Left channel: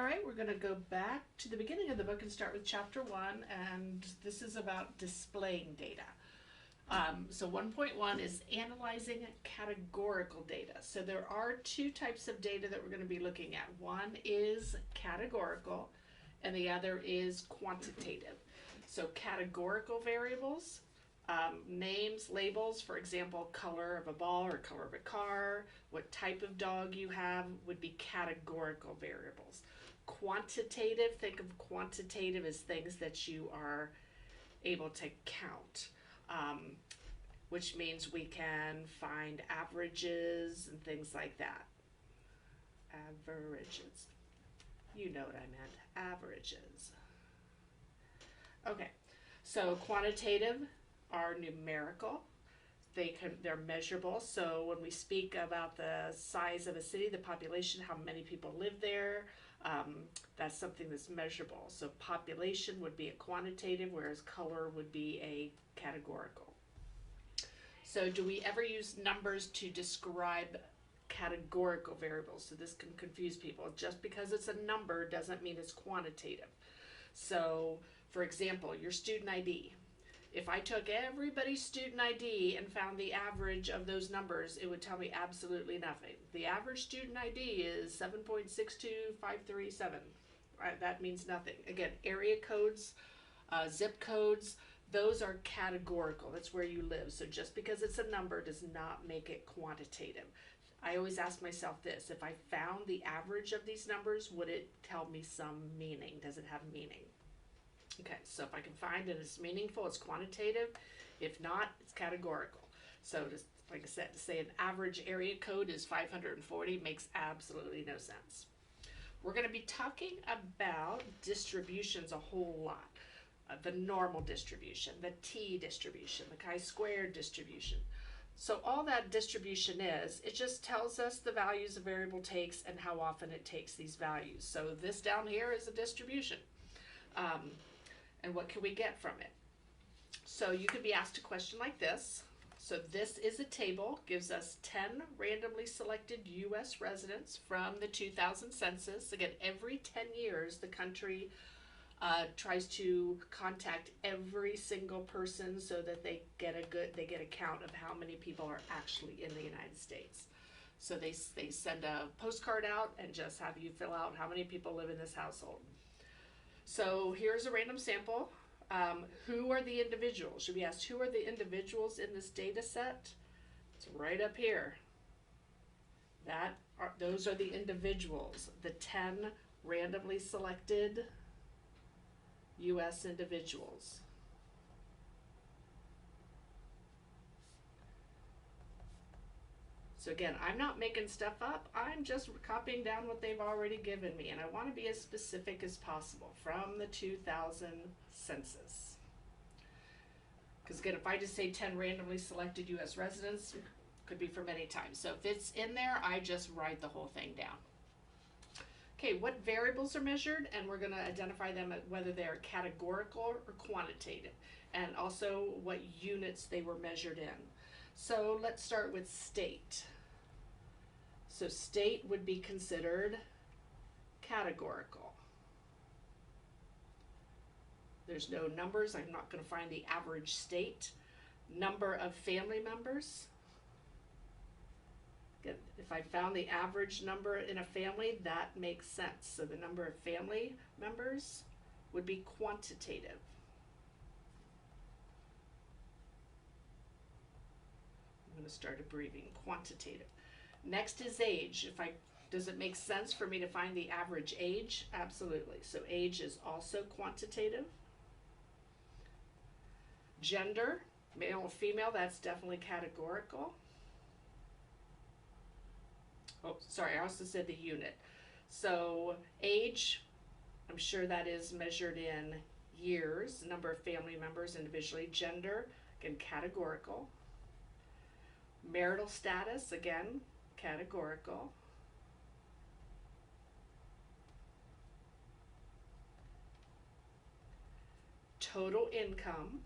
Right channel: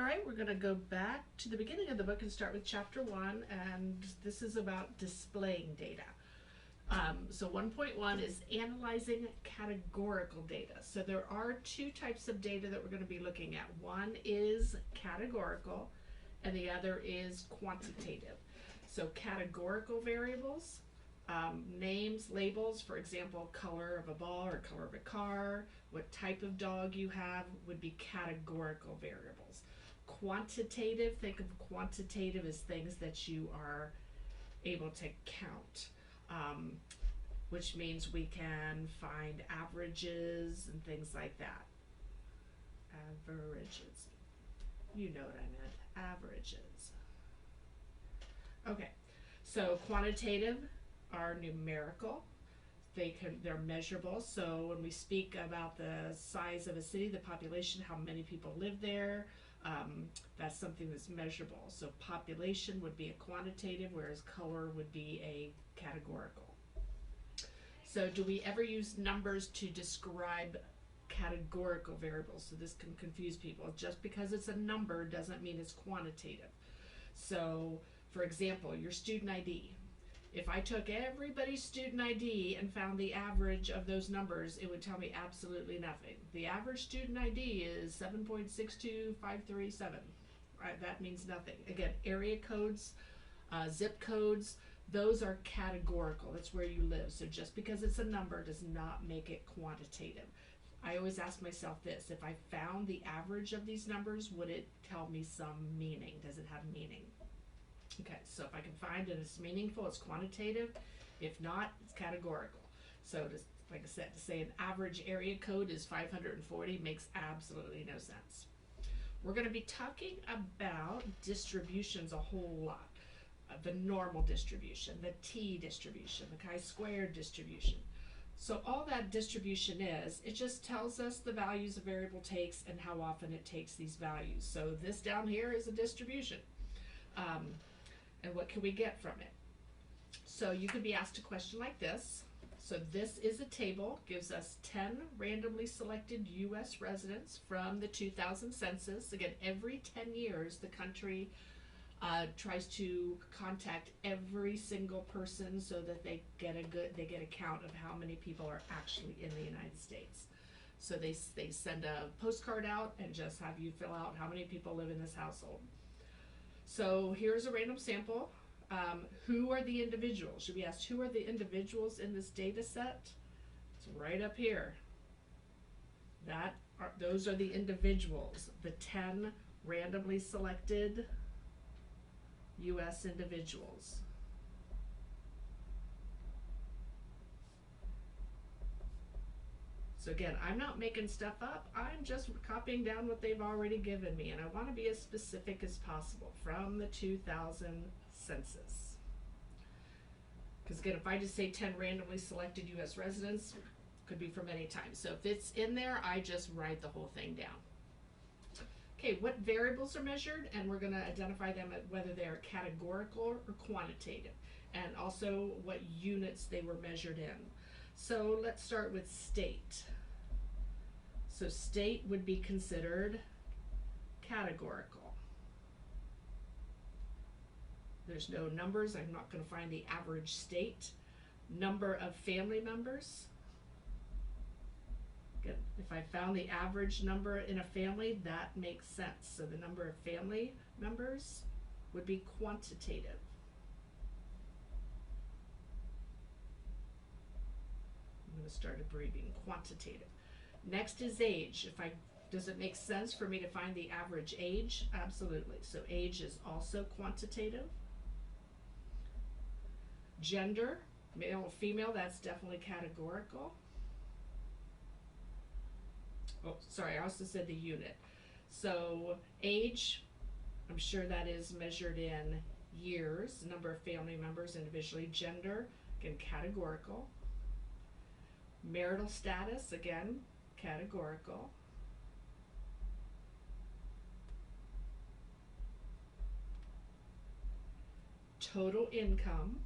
All right, we're going to go back to the beginning of the book and start with chapter 1, and this is about displaying data. So 1.1 is analyzing categorical data. So there are two types of data that we're going to be looking at. One is categorical, and the other is quantitative. So categorical variables, names, labels, for example, color of a ball or color of a car, what type of dog you have would be categorical variables. Quantitative, think of quantitative as things that you are able to count, which means we can find averages and things like that. Averages. You know what I meant. Averages. Okay, so quantitative are numerical. They're measurable. So when we speak about the size of a city, the population, how many people live there, that's something that's measurable. So population would be a quantitative, whereas color would be a categorical. So do we ever use numbers to describe categorical variables? So this can confuse people. Just because it's a number doesn't mean it's quantitative. So for example, your student ID. If I took everybody's student ID and found the average of those numbers, it would tell me absolutely nothing. The average student ID is 7.62537. That means nothing. Again, area codes, zip codes, those are categorical. That's where you live. So just because it's a number does not make it quantitative. I always ask myself this: if I found the average of these numbers, would it tell me some meaning? Does it have meaning? Okay, so if I can find it, it's meaningful, it's quantitative. If not, it's categorical. So just, like I said, to say an average area code is 540 makes absolutely no sense. We're going to be talking about distributions a whole lot. The normal distribution, the t-distribution, the chi-squared distribution. So all that distribution is, it just tells us the values a variable takes and how often it takes these values. So this down here is a distribution. And what can we get from it? So you could be asked a question like this. So this is a table, gives us 10 randomly selected U.S. residents from the 2000 census. Again, every 10 years, the country tries to contact every single person so that they get a count of how many people are actually in the United States. So they send a postcard out and just have you fill out how many people live in this household. So here's a random sample. Who are the individuals? Should be asked, who are the individuals in this data set? It's right up here. Those are the individuals, the 10 randomly selected U.S. individuals. So again, I'm not making stuff up. I'm just copying down what they've already given me, and I want to be as specific as possible from the 2000 census. Because again, if I just say 10 randomly selected U.S. residents, could be from any time. So if it's in there, I just write the whole thing down. Okay, what variables are measured? And we're going to identify them at whether they're categorical or quantitative, and also what units they were measured in. So let's start with state. So state would be considered categorical. There's no numbers. I'm not going to find the average state. Number of family members. If I found the average number in a family, that makes sense. So the number of family members would be quantitative. I'm going to start abbreviating quantitative. Next is age. Does it make sense for me to find the average age? Absolutely. So age is also quantitative. Gender, male or female, that's definitely categorical. Oh, sorry, I also said the unit. So age, I'm sure that is measured in years, number of family members individually. Gender, again, categorical. Marital status, again, categorical. Total income.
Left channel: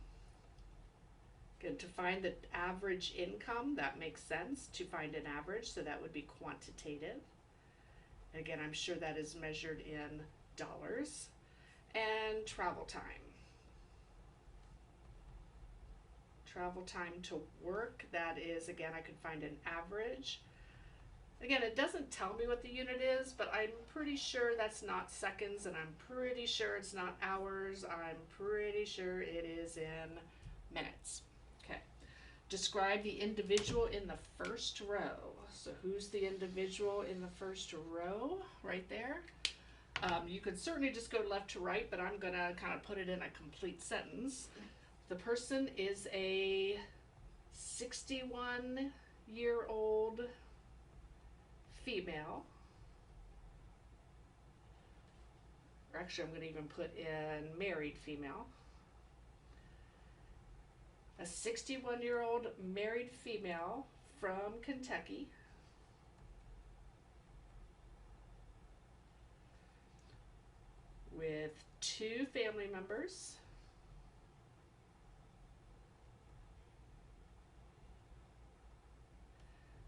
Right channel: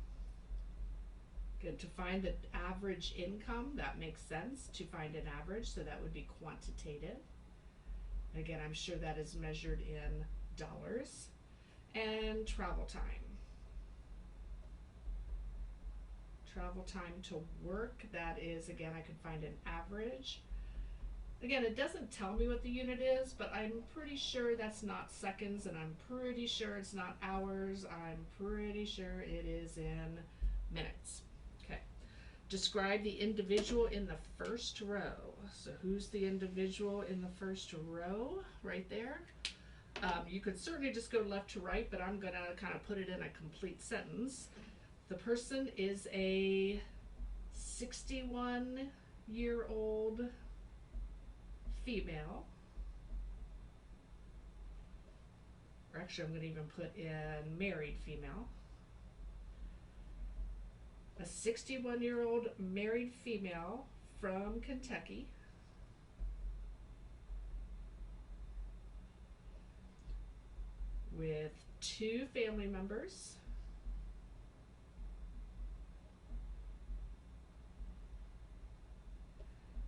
Again, to find the average income, that makes sense to find an average, so that would be quantitative. Again, I'm sure that is measured in dollars. And travel time. Travel time to work, that is, again, I could find an average. Again, it doesn't tell me what the unit is, but I'm pretty sure that's not seconds, and I'm pretty sure it's not hours. I'm pretty sure it is in minutes. Okay. Describe the individual in the first row. So who's the individual in the first row? Right there. You could certainly just go left to right, but I'm going to kind of put it in a complete sentence. The person is a 61-year-old female. Or actually, I'm going to even put in married female. A 61-year-old married female from Kentucky. With 2 family members.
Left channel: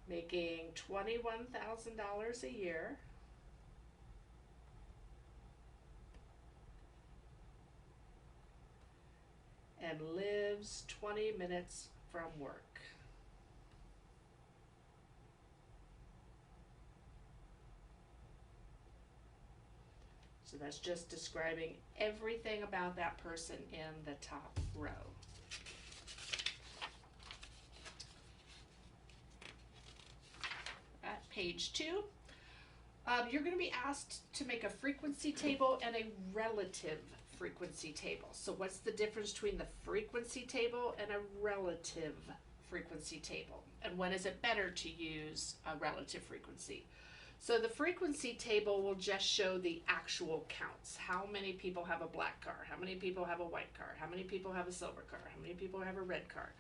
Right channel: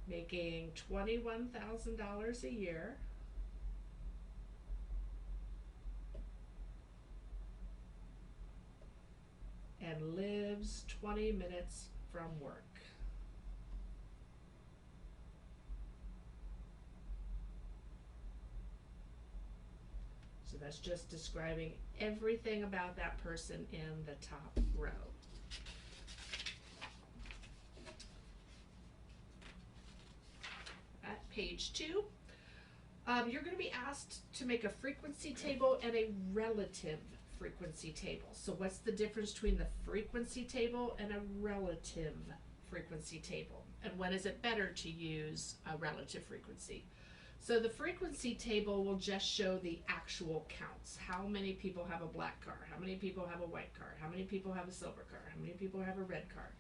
Making $21,000 a year. And lives 20 minutes from work. So that's just describing everything about that person in the top row. At page 2, you're going to be asked to make a frequency table and a relative frequency table. So what's the difference between the frequency table and a relative frequency table? And when is it better to use a relative frequency? So the frequency table will just show the actual counts. How many people have a black car? How many people have a white car? How many people have a silver car? How many people have a red car?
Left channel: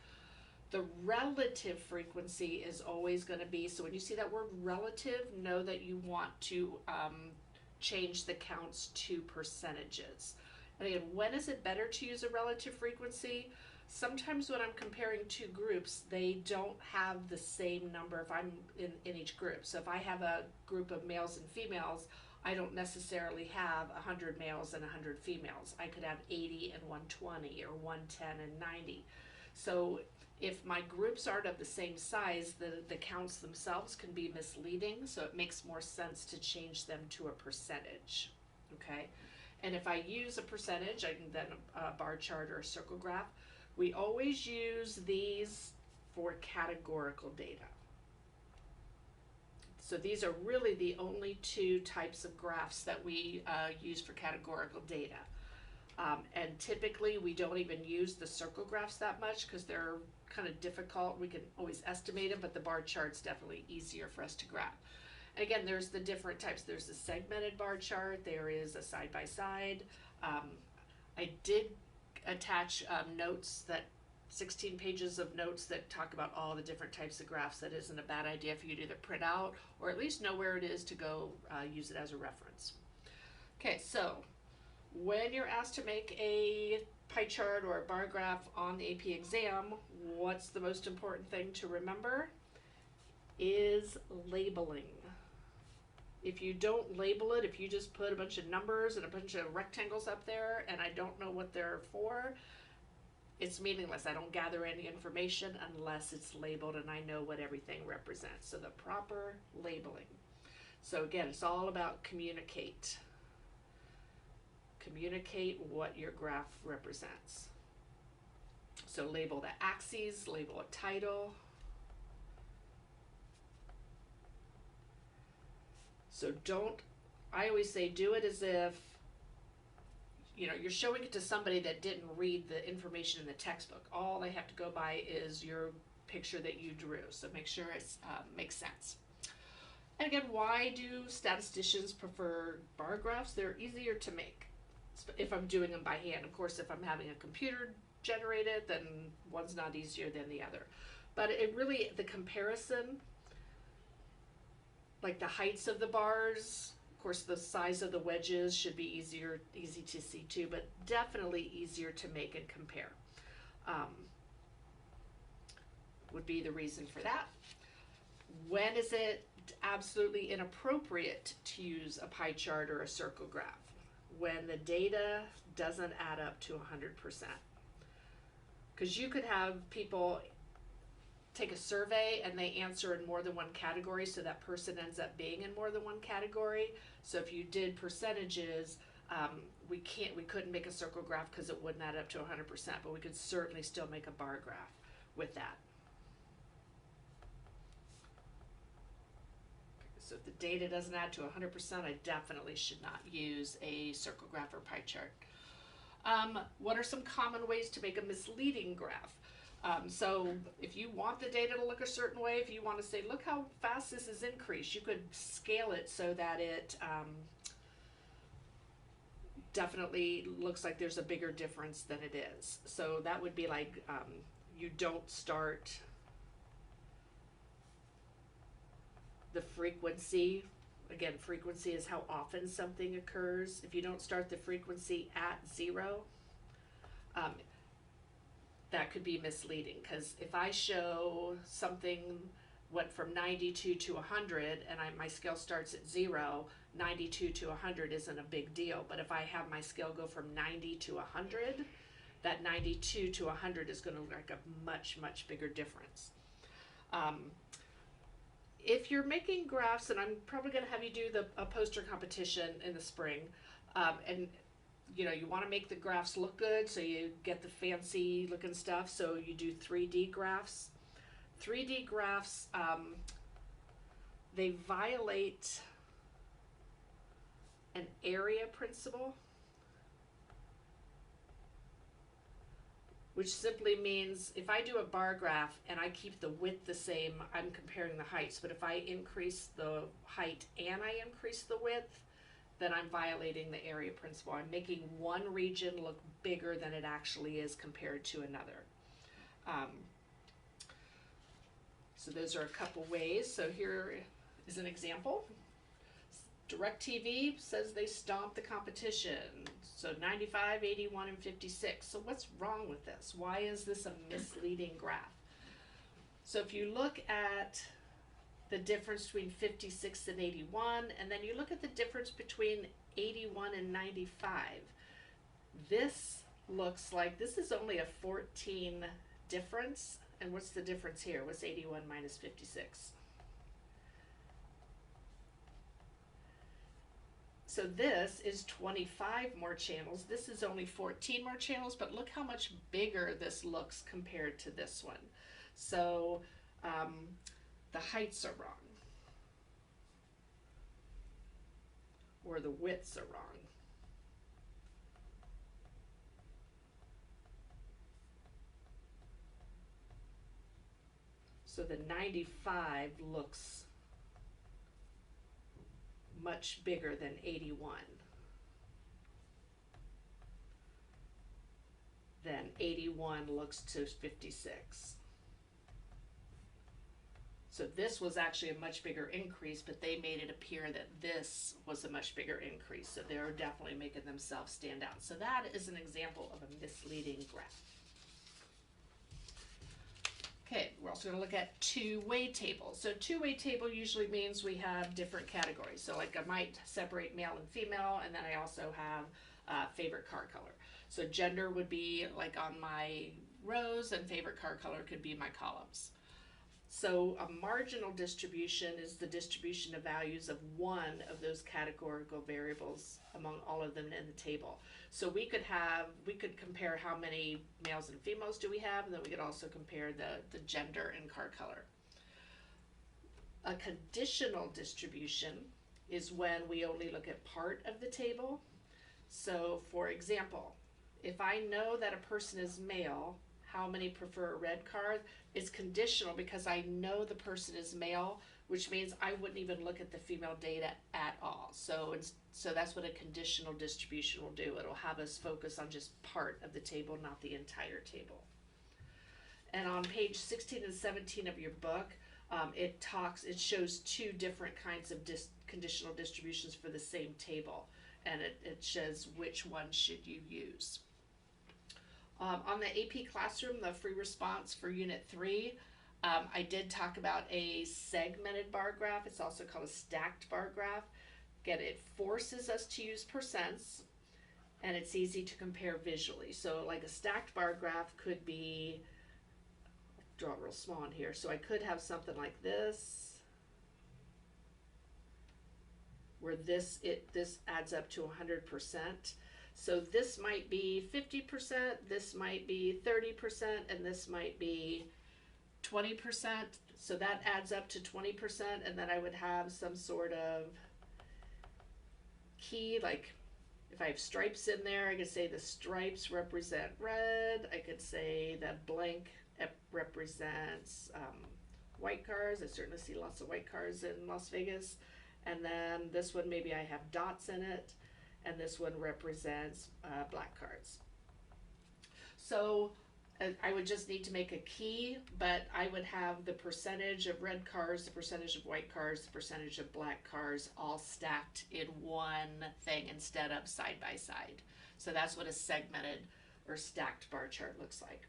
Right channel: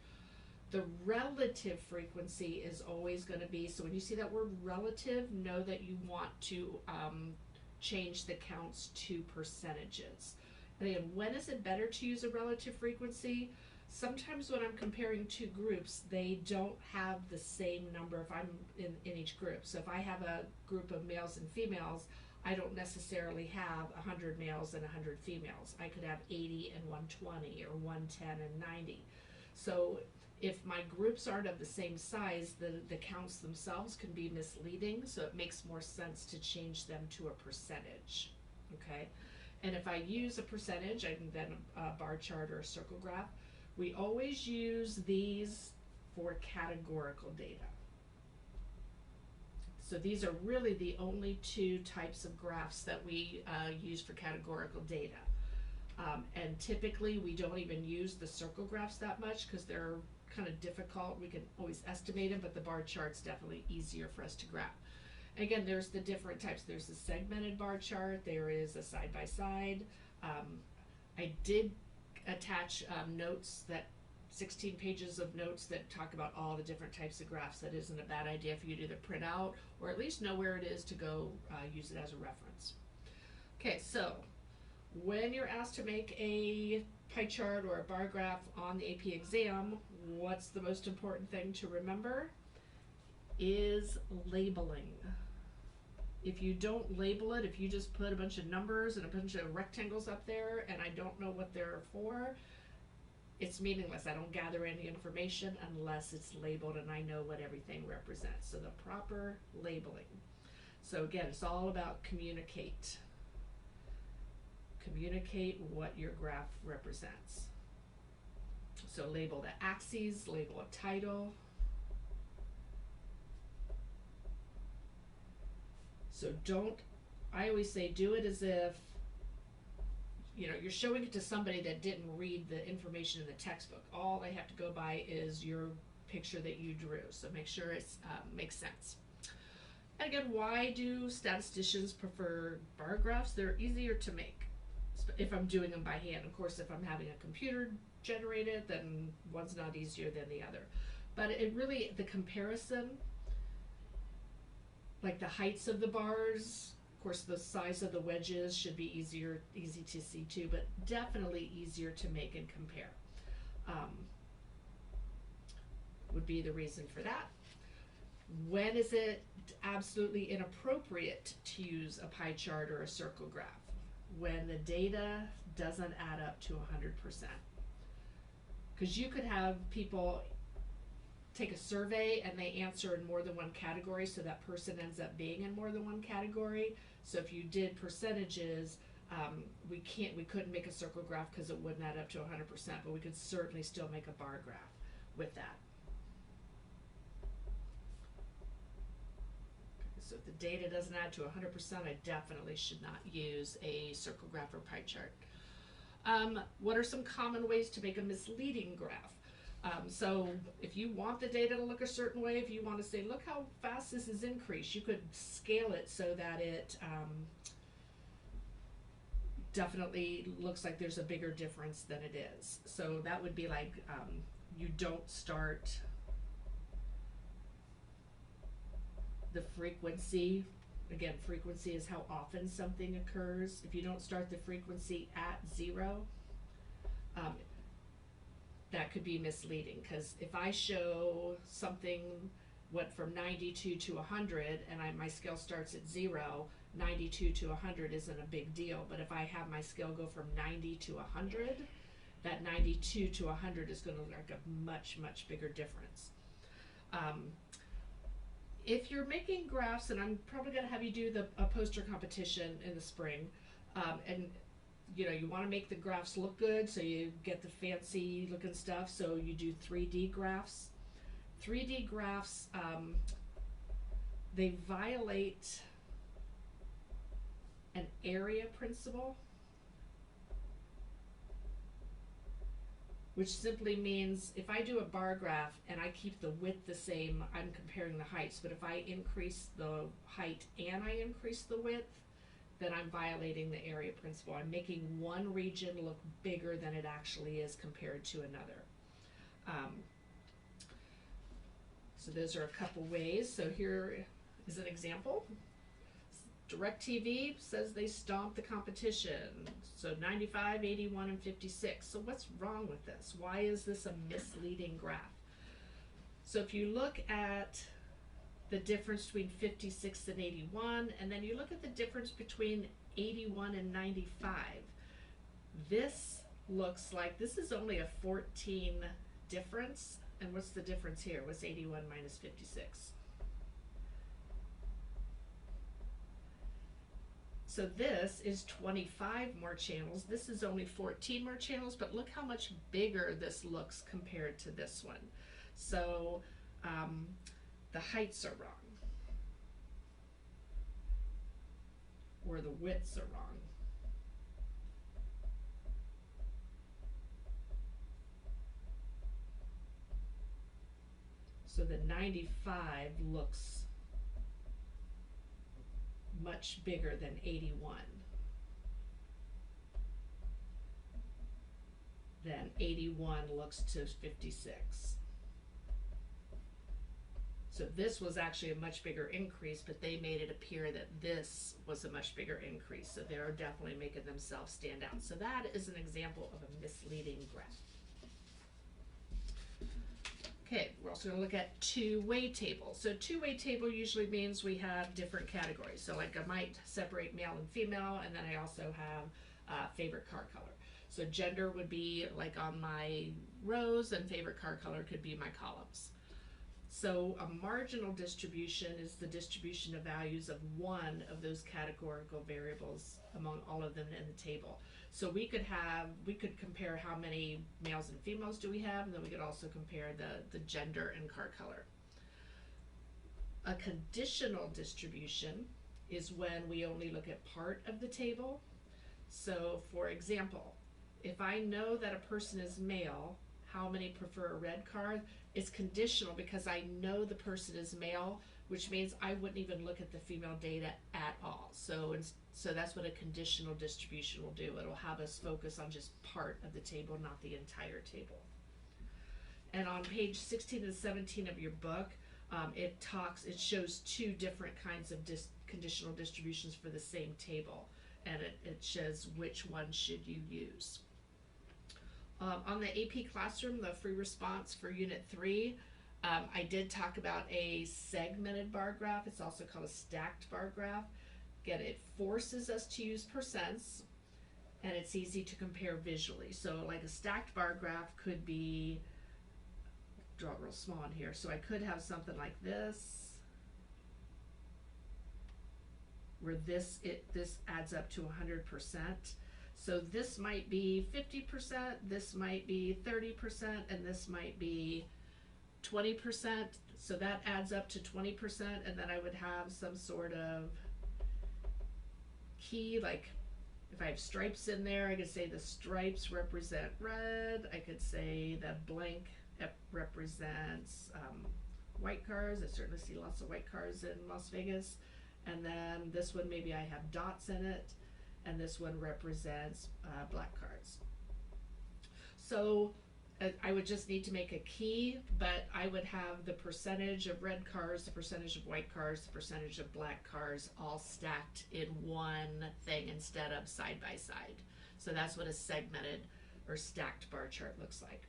The relative frequency is always going to be, so when you see that word relative, know that you want to change the counts to percentages. And again, when is it better to use a relative frequency? Sometimes when I'm comparing 2 groups, they don't have the same number if I'm in each group. So if I have a group of males and females, I don't necessarily have 100 males and 100 females. I could have 80 and 120 or 110 and 90. So if my groups aren't of the same size, the counts themselves can be misleading, so it makes more sense to change them to a percentage, okay? And if I use a percentage, I can then a bar chart or a circle graph. We always use these for categorical data. So these are really the only 2 types of graphs that we use for categorical data. And typically we don't even use the circle graphs that much because they're kind of difficult. We can always estimate them, but the bar chart's definitely easier for us to graph. And again, there's the different types. There's a segmented bar chart. There is a side-by-side. I did attach notes, that 16 pages of notes that talk about all the different types of graphs. That isn't a bad idea if you could either print out or at least know where it is to go use it as a reference. Okay, so when you're asked to make a pie chart or a bar graph on the AP exam, what's the most important thing to remember? Is labeling. If you don't label it, if you just put a bunch of numbers and a bunch of rectangles up there and I don't know what they're for, it's meaningless. I don't gather any information unless it's labeled and I know what everything represents. So the proper labeling. So again, it's all about communicate. Communicate what your graph represents. So label the axes, label a title. So I always say do it as if, you're showing it to somebody that didn't read the information in the textbook. All they have to go by is your picture that you drew. So make sure it makes sense. And again, why do statisticians prefer bar graphs? They're easier to make if I'm doing them by hand. Of course, if I'm having a computer generate it, then one's not easier than the other. But it really, the comparison, like the heights of the bars, of course the size of the wedges should be easy to see too, but definitely easier to make and compare would be the reason for that. When is it absolutely inappropriate to use a pie chart or a circle graph? When the data doesn't add up to 100%. Because you could have people take a survey and they answer in more than one category, so that person ends up being in more than one category. So if you did percentages, we couldn't make a circle graph because it wouldn't add up to 100%, but we could certainly still make a bar graph with that. So if the data doesn't add to 100%, I definitely should not use a circle graph or pie chart. What are some common ways to make a misleading graph? So if you want the data to look a certain way, if you want to say, look how fast this has increased, you could scale it so that it definitely looks like there's a bigger difference than it is. So that would be like, you don't start the frequency. Again, frequency is how often something occurs. If you don't start the frequency at 0, that could be misleading, because if I show something what from 92 to 100 and my scale starts at 0, 92 to 100 isn't a big deal. But if I have my scale go from 90 to 100, that 92 to 100 is going to look like a much, much bigger difference. If you're making graphs, and I'm probably going to have you do a poster competition in the spring, and you want to make the graphs look good, so you get the fancy looking stuff, so you do 3D graphs. 3D graphs, they violate an area principle, which simply means if I do a bar graph and I keep the width the same, I'm comparing the heights. But if I increase the height and I increase the width, then I'm violating the area principle. I'm making one region look bigger than it actually is compared to another. So those are a couple ways. So here is an example. DirecTV says they stomped the competition. So 95, 81, and 56. So what's wrong with this? Why is this a misleading graph? So if you look at the difference between 56 and 81, and then you look at the difference between 81 and 95, this looks like this is only a 14 difference. And what's the difference here? What's 81 minus 56? So this is 25 more channels. This is only 14 more channels, but look how much bigger this looks compared to this one. So the heights are wrong, or the widths are wrong. So the 95 looks much bigger than 81. Then 81 looks to 56. So this was actually a much bigger increase, but they made it appear that this was a much bigger increase. So they're definitely making themselves stand out. So that is an example of a misleading graph. Okay, we're also going to look at two-way tables. So two-way table usually means we have different categories. So like I might separate male and female, and then I also have favorite car color. So gender would be like on my rows, and favorite car color could be my columns. So a marginal distribution is the distribution of values of one of those categorical variables among all of them in the table. So we could compare how many males and females do we have, and then we could also compare the gender and car color. A conditional distribution is when we only look at part of the table. So for example, if I know that a person is male, how many prefer a red car? It's conditional because I know the person is male, which means I wouldn't even look at the female data at all. So that's what a conditional distribution will do. It'll have us focus on just part of the table, not the entire table. And on page 16 and 17 of your book, it shows two different kinds of conditional distributions for the same table, and it shows which one should you use. On the AP Classroom, the free response for Unit 3, I did talk about a segmented bar graph. It's also called a stacked bar graph. Again, it forces us to use percents, and it's easy to compare visually. So like a stacked bar graph could be, draw it real small in here. So I could have something like this, where this adds up to 100%. So this might be 50%, this might be 30%, and this might be 20%. So that adds up to 20%, and then I would have some sort of key, like if I have stripes in there, I could say the stripes represent red. I could say that blank represents white cars. I certainly see lots of white cars in Las Vegas. And then this one, maybe I have dots in it, and this one represents black cars. So I would just need to make a key, but I would have the percentage of red cars, the percentage of white cars, the percentage of black cars all stacked in one thing instead of side by side. So that's what a segmented or stacked bar chart looks like.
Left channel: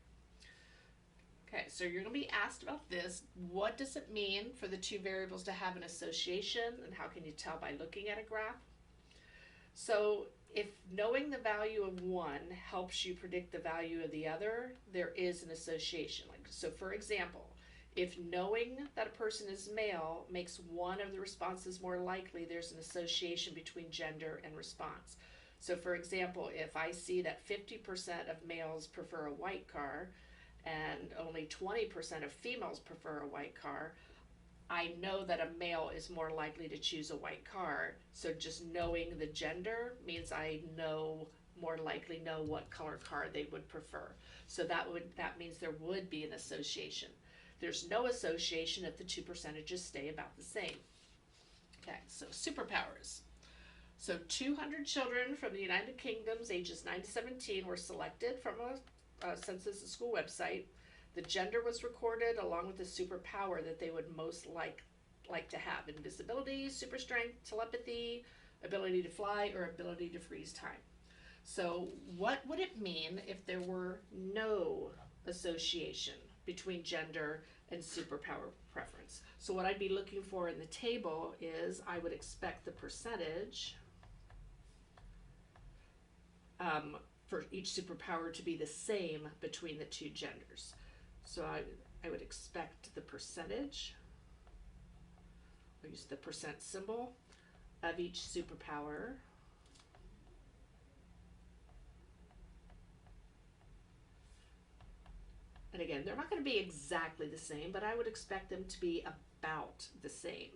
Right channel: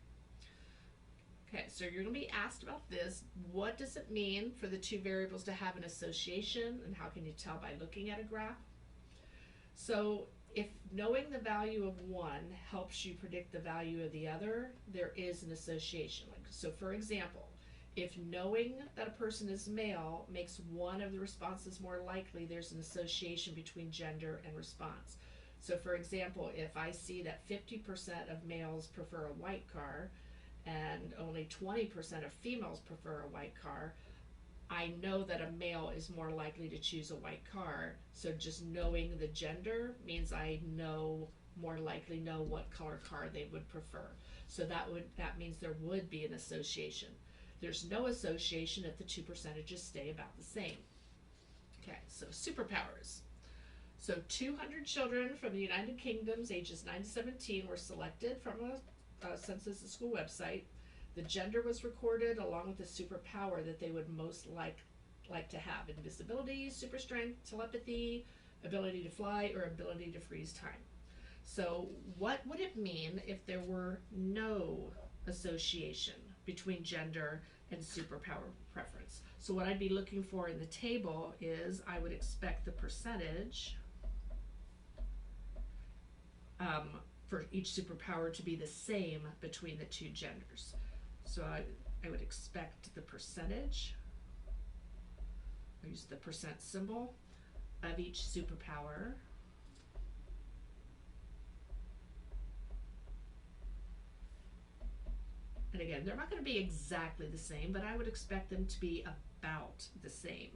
Okay, so you're going to be asked about this. What does it mean for the two variables to have an association, and how can you tell by looking at a graph? So if knowing the value of one helps you predict the value of the other, there is an association. So for example, if knowing that a person is male makes one of the responses more likely, there's an association between gender and response. So for example, if I see that 50% of males prefer a white car and only 20% of females prefer a white car, I know that a male is more likely to choose a white car. So just knowing the gender means I more likely know what color car they would prefer. So that means there would be an association. There's no association if the two percentages stay about the same. Okay, so superpowers. So 200 children from the United Kingdom's ages 9 to 17 were selected from a census school website. The gender was recorded along with the superpower that they would most like to have: invisibility, super strength, telepathy, ability to fly, or ability to freeze time. So what would it mean if there were no association between gender and superpower preference? So what I'd be looking for in the table is I would expect the percentage for each superpower to be the same between the two genders. So I would expect the percentage, I'll use the percent symbol, of each superpower and again, they're not going to be exactly the same, but I would expect them to be about the same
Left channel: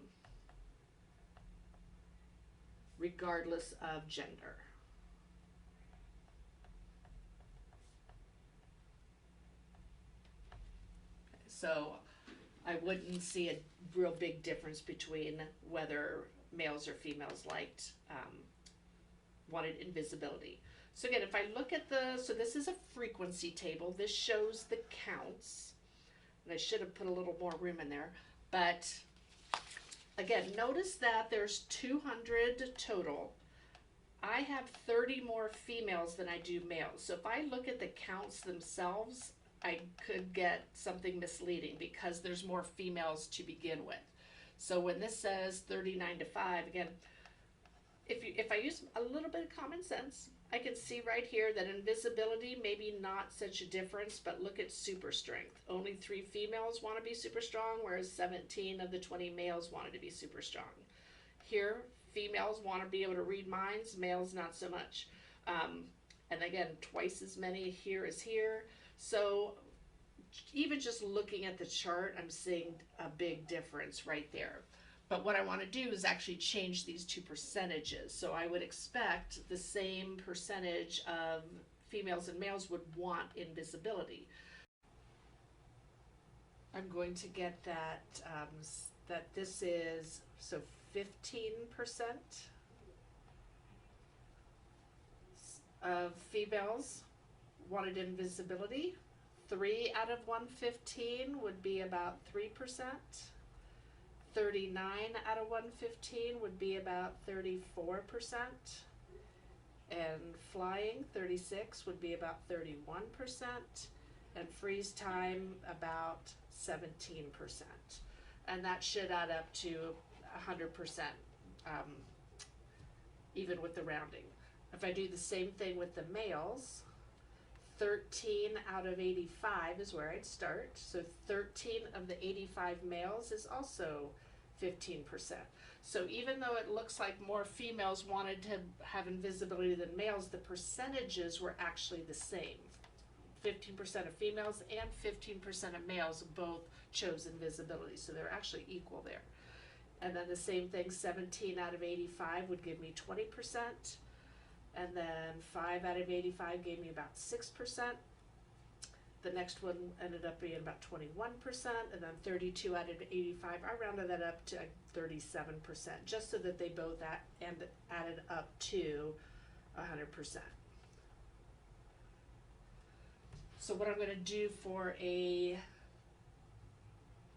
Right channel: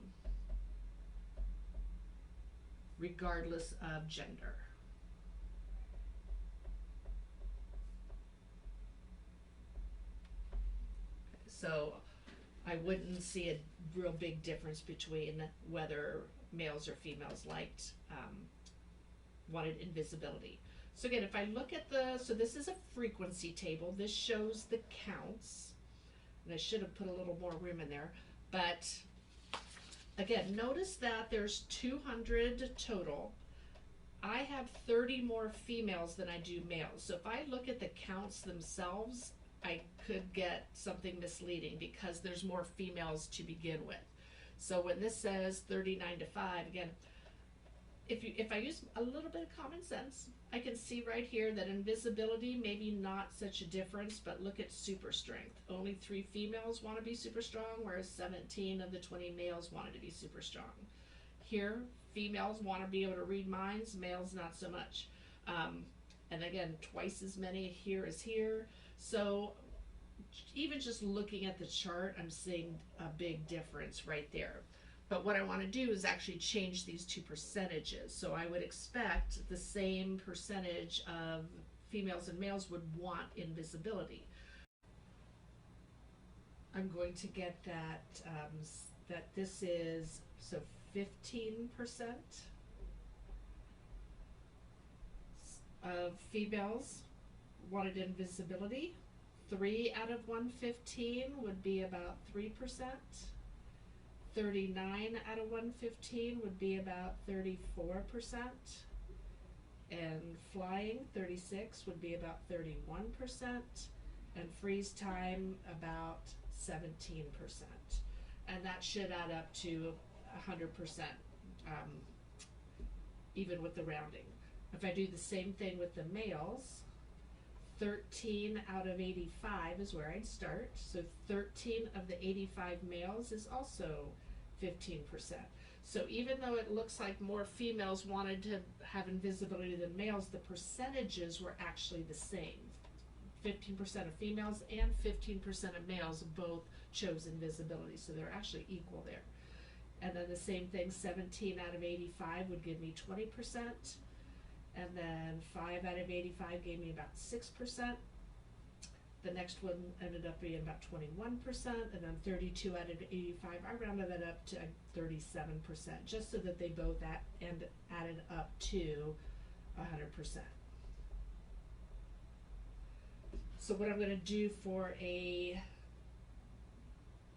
regardless of gender. So I wouldn't see a real big difference between whether males or females wanted invisibility. So again, if I look at so this is a frequency table. This shows the counts. And I should have put a little more room in there. But again, notice that there's 200 total. I have 30 more females than I do males. So if I look at the counts themselves, I could get something misleading because there's more females to begin with. So when this says 39 to 5, again, if I use a little bit of common sense, I can see right here that invisibility, maybe not such a difference, but look at super strength. Only 3 females want to be super strong, whereas 17 of the 20 males wanted to be super strong. Here, females want to be able to read minds, males not so much. And again, twice as many here as here. So even just looking at the chart, I'm seeing a big difference right there. But what I want to do is actually change these two percentages. So I would expect the same percentage of females and males would want invisibility. I'm going to get that, that this is, so 15% of females wanted invisibility. 3 out of 115 would be about 3%. 39 out of 115 would be about 34%. And flying, 36 would be about 31%. And freeze time, about 17%. And that should add up to 100%, even with the rounding. If I do the same thing with the males, 13 out of 85 is where I'd start. So 13 of the 85 males is also 15%. So even though it looks like more females wanted to have invisibility than males, the percentages were actually the same. 15% of females and 15% of males both chose invisibility, so they're actually equal there. And then the same thing, 17 out of 85 would give me 20%, and then 5 out of 85 gave me about 6%. The next one ended up being about 21%, and then 32 out of 85, I rounded that up to 37%, just so that they both added up to 100%. So what I'm going to do for a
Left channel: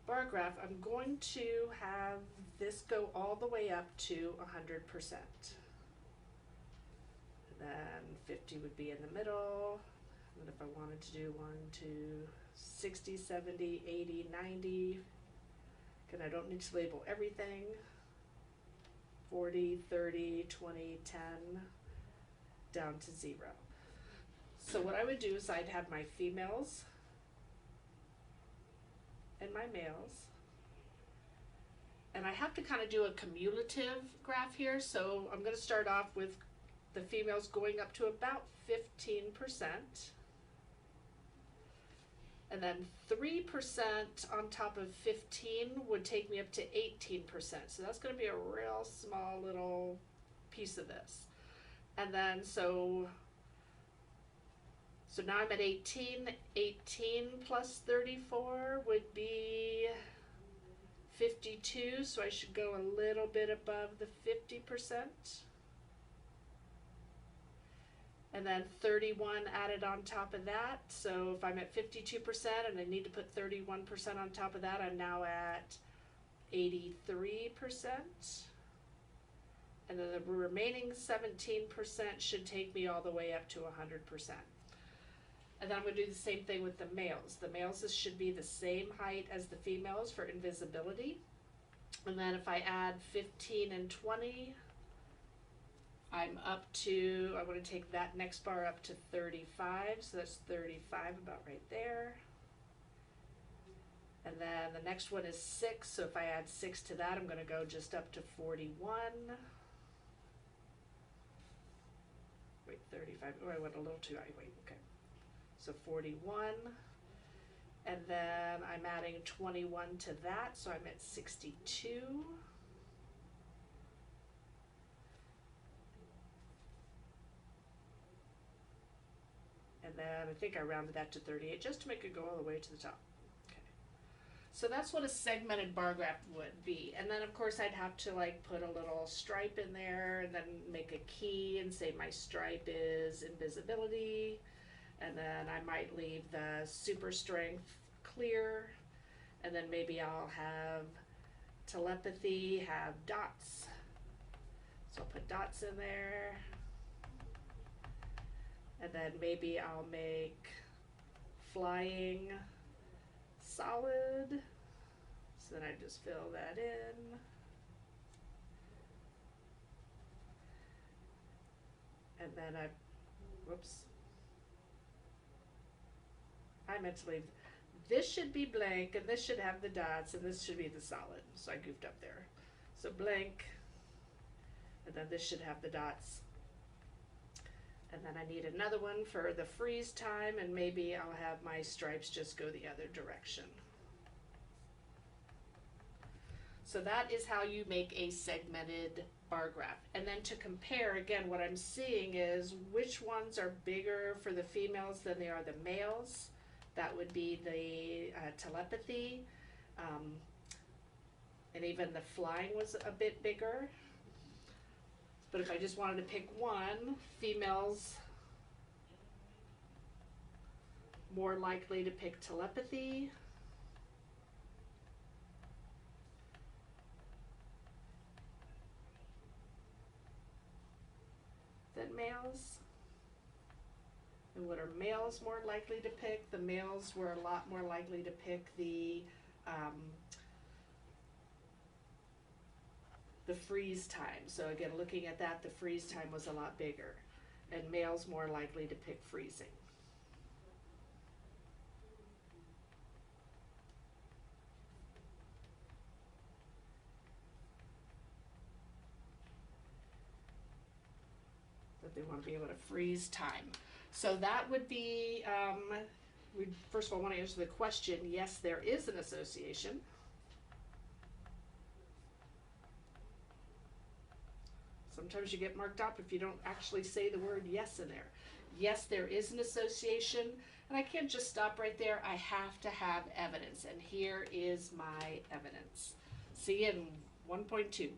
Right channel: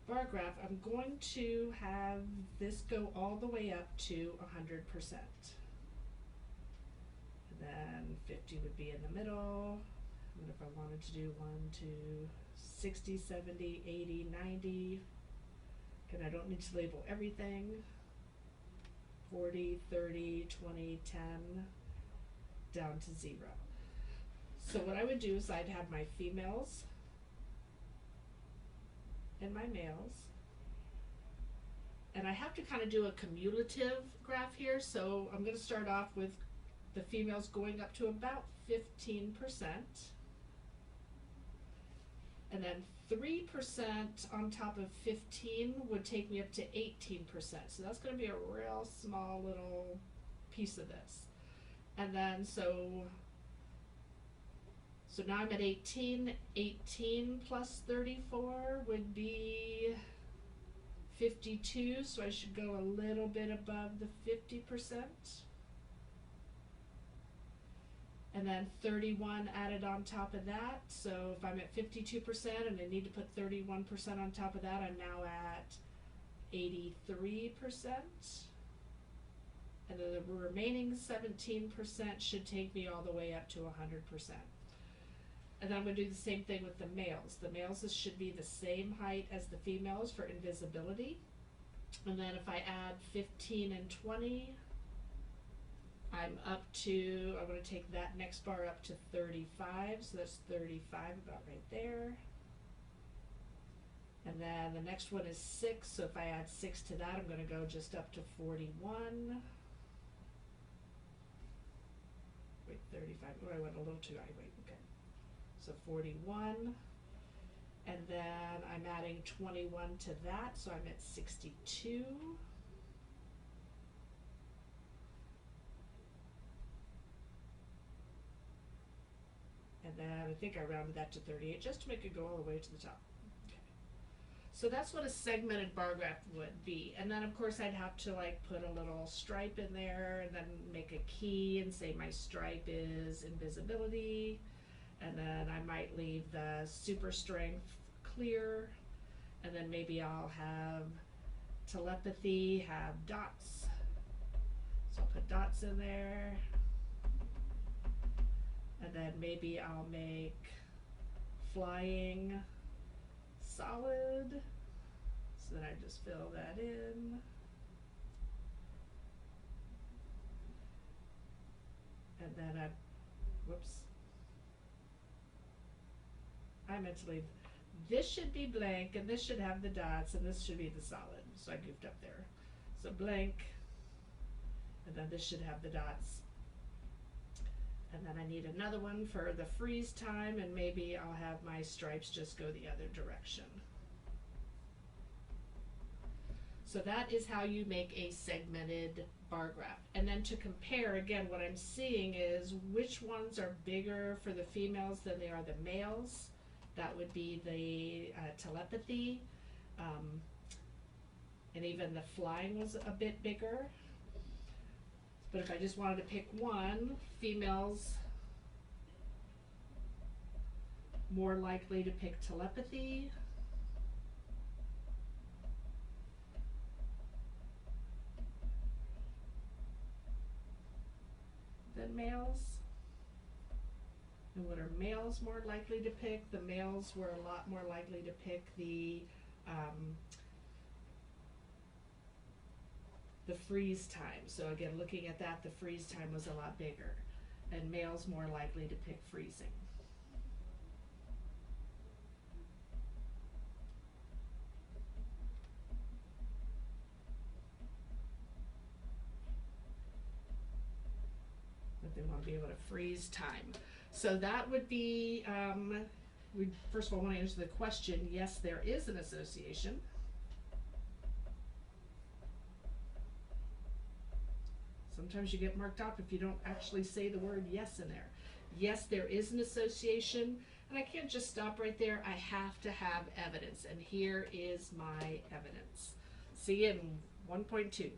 bar graph, I'm going to have this go all the way up to 100%. And then 50 would be in the middle. And if I wanted to do 1, 2, 60, 70, 80, 90, because I don't need to label everything. 40, 30, 20, 10, down to 0. So what I would do is I'd have my females and my males, and I have to kind of do a cumulative graph here, so I'm going to start off with the females going up to about 15%, and then 3% on top of 15 would take me up to 18%, so that's going to be a real small little piece of this. And then so now I'm at 18. 18 plus 34 would be 52, so I should go a little bit above the 50%. And then 31 added on top of that, so if I'm at 52% and I need to put 31% on top of that, I'm now at 83%. And then the remaining 17% should take me all the way up to 100%. And then I'm going to do the same thing with the males. The males should be the same height as the females for invisibility. And then if I add 15 and 20, I'm up to, I want to take that next bar up to 35, so that's 35 about right there. And then the next one is 6, so if I add 6 to that, I'm going to go just up to 41. Wait, 35, oh, I went a little too high, wait, okay. So 41, and then I'm adding 21 to that, so I'm at 62. And then I think I rounded that to 38 just to make it go all the way to the top. Okay. So that's what a segmented bar graph would be. And then of course I'd have to like put a little stripe in there and then make a key and say my stripe is invisibility. And then I might leave the super strength clear, and then maybe I'll have telepathy, have dots. So I'll put dots in there. And then maybe I'll make flying solid. So then I just fill that in. And then I meant to leave, this should be blank, and this should have the dots, and this should be the solid. So I goofed up there. So blank, and then this should have the dots. And then I need another one for the freeze time, and maybe I'll have my stripes just go the other direction. So that is how you make a segmented bar graph. And then to compare, again, what I'm seeing is which ones are bigger for the females than they are the males. That would be the telepathy, and even the flying was a bit bigger. But if I just wanted to pick one, females more likely to pick telepathy. Than males. And what are males more likely to pick? The males were a lot more likely to pick the freeze time. So again, looking at that, the freeze time was a lot bigger, and males more likely to pick freezing. But they want to be able to freeze time. So that would be, we first of all want to answer the question, yes, there is an association. Sometimes you get marked up if you don't actually say the word yes in there. Yes, there is an association, and I can't just stop right there. I have to have evidence, and here is my evidence. See you in 1.2.